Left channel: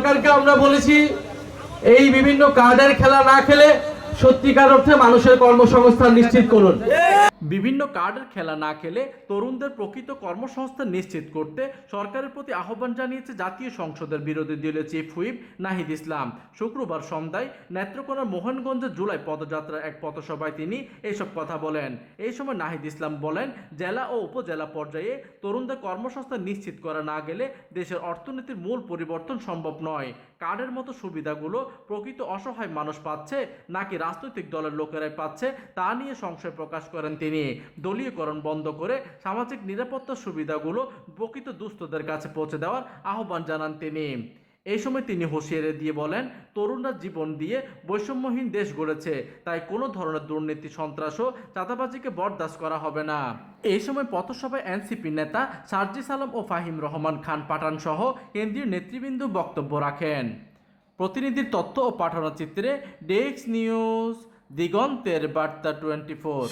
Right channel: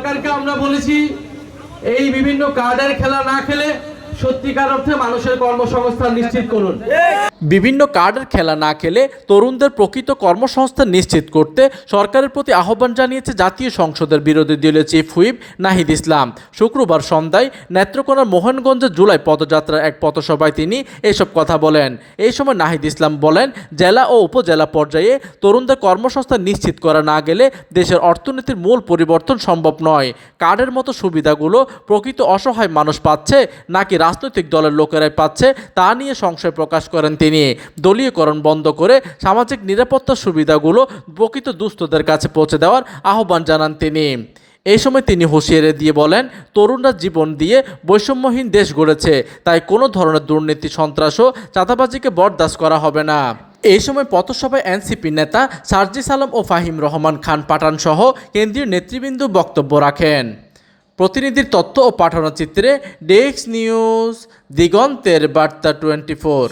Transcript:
সরকারকে আমরা বলেছি এই বিভিন্ন কার্ডের খেলা না খেলে সত্যিকার অর্থে মানুষের কর্মসংস্থান নিশ্চিত করুন। বিভিন্ন কার্ডের খেলা না খেলে তরুণদের প্রকৃত কর্মসংস্থান নিশ্চিত করতে সরকারের প্রতি আহ্বান জানিয়েছে জাতীয় সংসদের বিরোধী দলীয় চিফ হুইপ নাহিদ ইসলাম। শুক্রবার সন্ধ্যায় নেত্রকোনার মোহনগঞ্জে জুলাই পদযাত্রার এক পথসভায় তিনি এসব কথা বলেন। এই সময় নাহিদ ইসলাম বলেন, জেলা ও উপজেলা পর্যায়ে তরুণদের কর্মসংস্থান নিশ্চিত করা না গেলে দেশের অর্থনীতির মূল পরিবর্তন সম্ভব নয়। কার্ডের মতো সুবিধাগুলো প্রকৃত অসহায় মানুষ পাচ্ছে নাকি রাজনৈতিক দলের লোকেরাই পাচ্ছে তা নিয়ে সংশয় প্রকাশ করেন তিনি। দলীয়করণ বন্ধ করে সামাজিক নিরাপত্তার সুবিধাগুলো প্রকৃত দুস্থদের কাছে পৌঁছে দেওয়ার আহ্বান জানান তিনি। এই সময় তিনি হুঁশিয়ারি দিয়ে বলেন, তরুণরা জীবন দিয়ে বৈষম্যহীন দেশ গড়েছে, তাই কোনো ধরনের দুর্নীতি, সন্ত্রাস ও চাঁদাবাজিকে বরদাস্ত করা হবে না। এই সময় পথসভায় এনসিপি নেতা সার্জিস আলম ও ফাহিম রহমান খান পাঠান সহ কেন্দ্রীয় নেতৃবৃন্দ বক্তব্য রাখেন। প্রতিনিধির তথ্য ও পাঠানো চিত্রে ডেস্ক নিউজ, দিগন্তের বার্তা 24।